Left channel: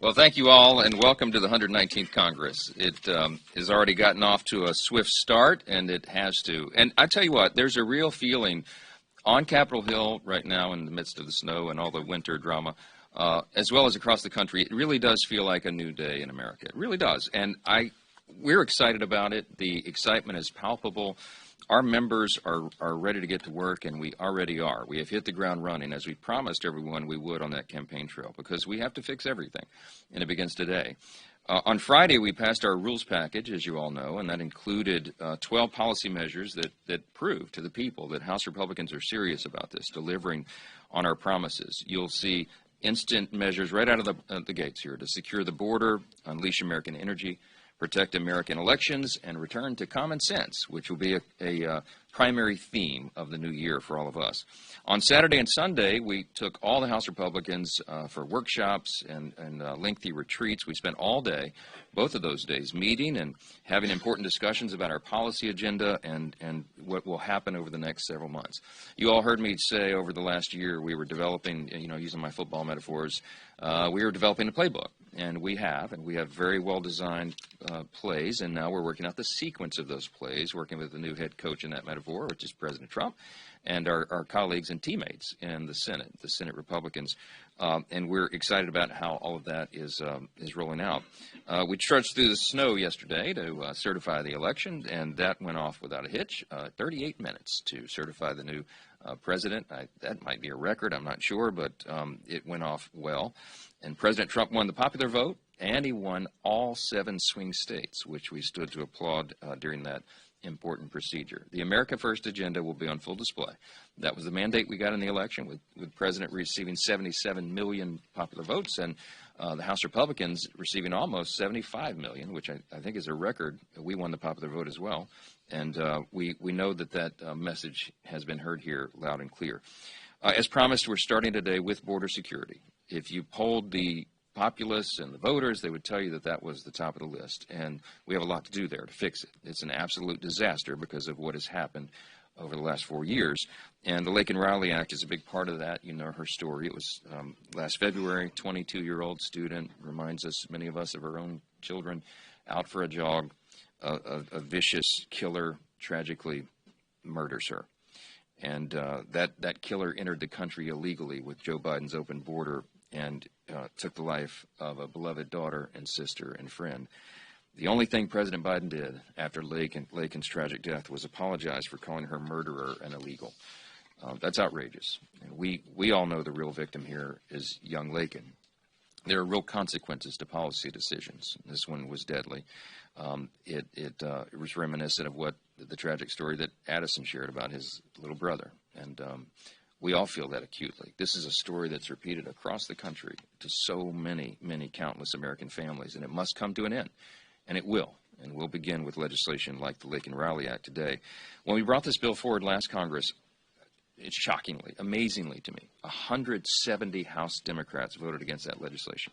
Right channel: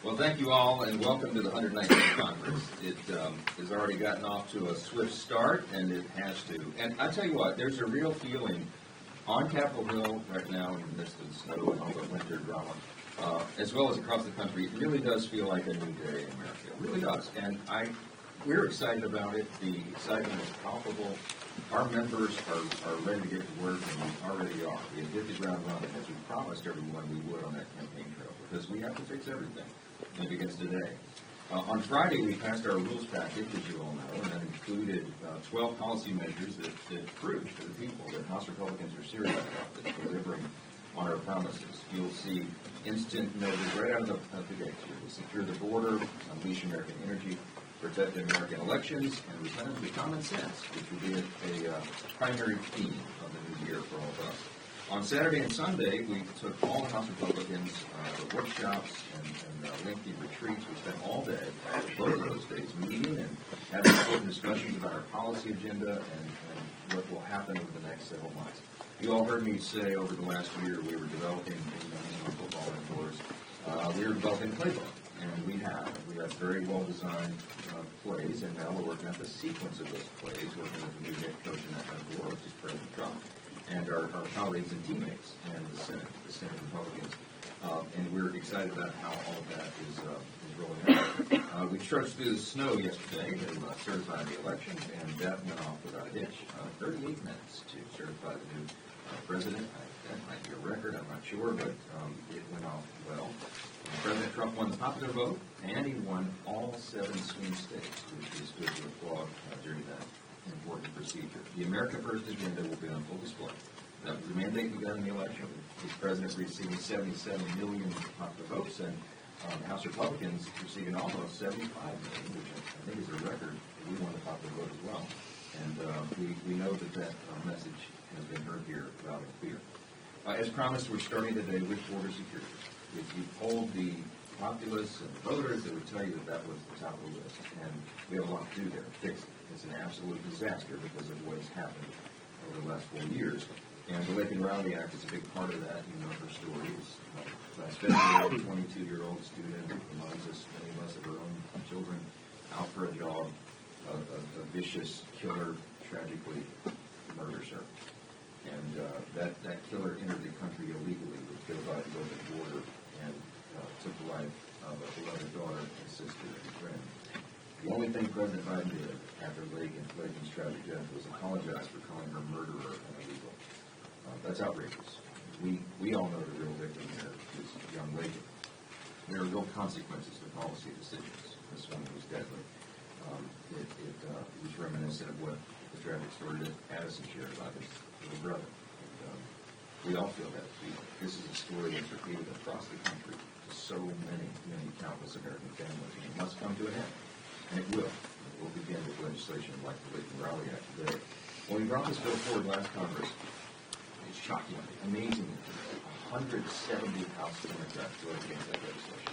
Well, thank you all, and welcome to the 119th Congress. It has already gotten off to a swift start, and it has to. And I tell you what, there's a real feeling on Capitol Hill right now in the midst of the snow and all the winter drama, as well as across the country. It really does feel like a new day in America. It really does. And we're excited about it. The excitement is palpable. Our members are ready to get to work, and we already are. We have hit the ground running, as we promised everyone we would on that campaign trail, because we have to fix everything, and it begins today. On Friday, we passed our rules package, as you all know, and that included 12 policy measures that prove to the people that House Republicans are serious about this, delivering on our promises. You'll see instant measures right out of the gates here to secure the border, unleash American energy, protect American elections, and return to common sense, which will be a primary theme of the new year for all of us. On Saturday and Sunday, we took all the House Republicans for workshops and lengthy retreats. We spent all day, both of those days, meeting and having important discussions about our policy agenda and what will happen over the next several months. You all heard me say over the last year we were developing, using my football metaphors, we were developing a playbook. And we have very well-designed plays, and now we're working out the sequence of those plays, working with the new head coach in that metaphor, which is President Trump, and our colleagues and teammates in the Senate Republicans. And we're excited about how all of that is rolling out. We trudged through the snow yesterday to certify the election, and that went off without a hitch. 38 minutes to certify the new president. That might be a record, I'm not sure, but it went off well. And President Trump won the popular vote, and he won all 7 swing states, which we stood to applaud during that important procedure. The America First agenda will be on full display. That was the mandate we got in the election, with the President receiving 77 million popular votes, and the House Republicans receiving almost 75 million, which I think is a record. We won the popular vote as well. And we know that message has been heard here loud and clear. As promised, we're starting today with border security. If you polled the populace and the voters, they would tell you that was the top of the list. And we have a lot to do there to fix it. It's an absolute disaster because of what has happened over the last 4 years. And the Laken Riley Act is a big part of that. You know her story. It was last February, a 22-year-old student, reminds us, many of us, of our own children, out for a jog. A vicious killer tragically murders her. And that killer entered the country illegally with Joe Biden's open border and took the life of a beloved daughter and sister and friend. The only thing President Biden did after Laken's tragic death was apologize for calling her murderer and illegal. That's outrageous. We all know the real victim here is young Laken. There are real consequences to policy decisions. This one was deadly. It was reminiscent of what the tragic story that Addison shared about his little brother, and we all feel that acutely. This is a story that's repeated across the country to so many countless American families, and it must come to an end, and it will. And we'll begin with legislation like the Laken Riley Act today. When we brought this bill forward last Congress, it's shockingly, amazingly to me, 170 House Democrats voted against that legislation.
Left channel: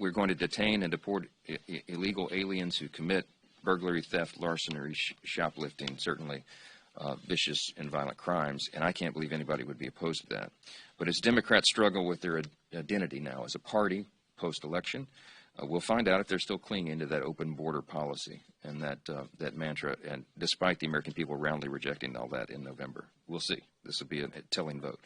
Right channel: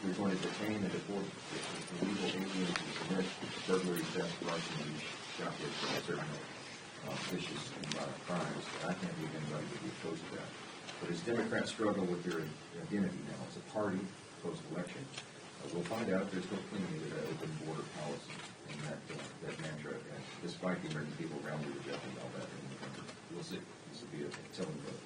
We're going to detain and deport illegal aliens who commit burglary, theft, larceny, shoplifting, and certainly vicious and violent crimes, and I can't believe anybody would be opposed to that. But as Democrats struggle with their identity now as a party post-election, we'll find out if they're still clinging to that open border policy and that mantra, and despite the American people roundly rejecting all that in November. We'll see. This will be a telling vote.